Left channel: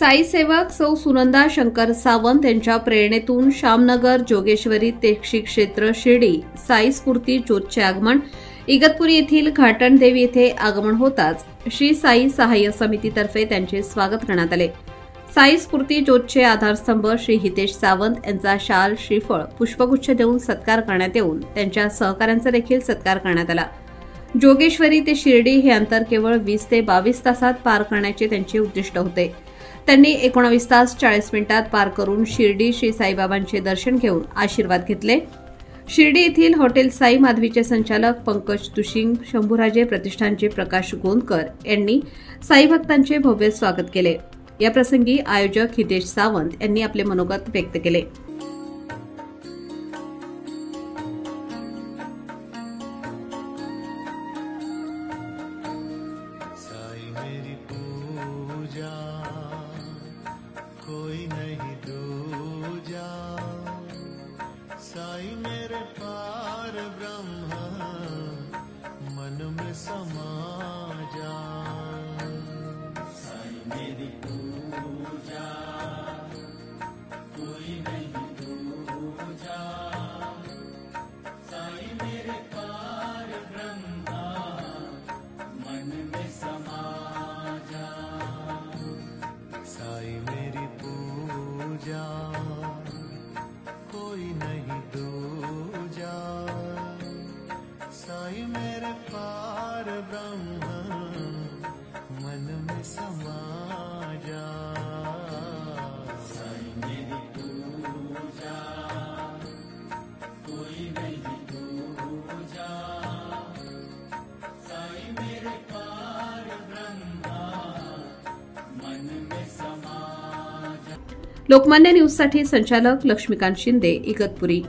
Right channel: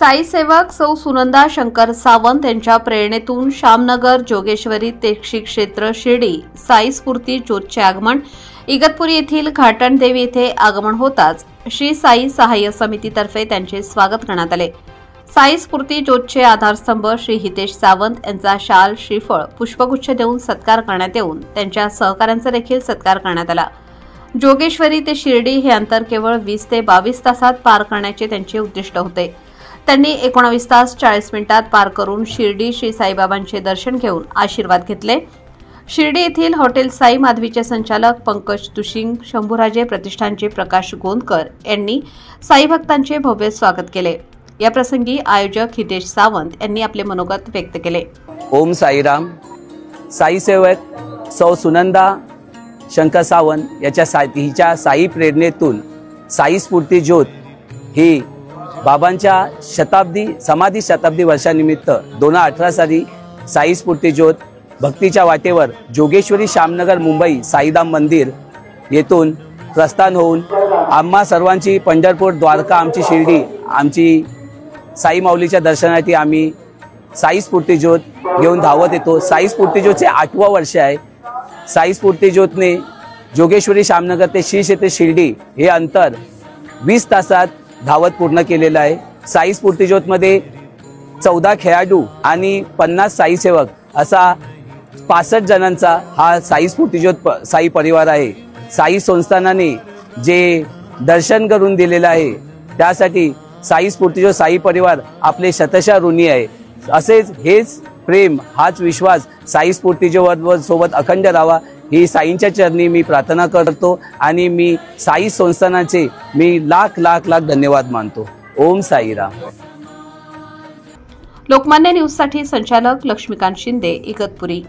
साई सेवक सौ सुनंदा शंकर सावंत यांच्या प्रेरणेतून श्यामनगर जोगेश्वरी तीर्थक्षेत्र क्षेत्र शिर्डी साई स्फूर्ती ज्योतचे आगमन। इगतपुरी येथील घाटणदेवी येथे आगमन होताच श्री साई सहाय्य समितीतर्फे त्यांचे स्वागत करण्यात आले। साई स्फूर्ती ज्योतचे आधारस्तंभ श्री हितेश सावंत यांचा शाल श्रीफळ पुष्पगुच्छ देऊन सत्कार करण्यात येऊन त्यांच्या सहकाऱ्यांचा देखील सत्कार करण्यात आला। जोगेश्वरी ते शिर्डी हे अंतर केवळ 20 ते 22 तासात पार करण्याचे त्यांचे उद्दिष्ट होते। त्यांनी 19 तास 40 मिनिटात पार करून शिर्डी श्री साईबाबांचे दर्शन घेऊन आशीर्वाद घेतले। शिर्डी येथील हॉटेल साई माधवीचे संचालक पंकज तुशिंग, शंभूराजे प्रतिष्ठानचे प्रकाश गोंदकर यांनी साई भक्तांचे भव्य स्वागत केले। या प्रसंगी आयोजक हितेश सावंत यांनी आपले मनोगत व्यक्त केले। ओम साईराम। साई सेवक सौ सुनंदा शंकर सावंत हिच्या साई प्रेरणेतून साई स्फूर्ती ज्योत ही बाबांच्या समाधी शताब्दी वर्षानिमित्त 2018 साली साई स्फूर्ती ज्योत भक्तीच्या वाटेवर जोगेश्वरी श्यामनगर मुंबई साईधाम मंदिर येथून प्रस्थान होऊन आम्हा सर्वांची पंढरपूर द्वारका आमची शिर्डी आमची साई माऊलीच्या दर्शनासाठी आम्ही साई स्फूर्ती ज्योत घेऊन धावत येतो। साई स्फूर्ती ज्योतचे 8वं वर्ष आहे। साई स्फूर्ती ज्योतने जोगेश्वरी श्यामनगर ते श्री क्षेत्र शिर्डी हे अंतर 20 तासात धावत पूर्ण केलेलं आहे। साई स्फूर्ती ज्योतमध्ये 14 खेळाडू आणि 50 साई सेवक असा 65 जणांचा हा साई स्फूर्ती ज्योत साई परिवार आहे। साई संस्थानाने जे दर्शन करून दिलेलं आहे त्यासाठी साई स्फूर्ती ज्योत साई परिवार आपले शतशः ऋणी आहे। असेच हेच प्रेम हाच विश्वास साई स्फूर्ती ज्योत सोबत अखंड राहावा ही साईंच्या चरणी मी प्रार्थना करतो आणि मी साई संस्थानाचे मी लाख धन्यवाद मानतो। ओम साईराम। लोकमान्य न्यूज साठी संचालक लक्ष्मीकांत शिंदे, इगतपुरी।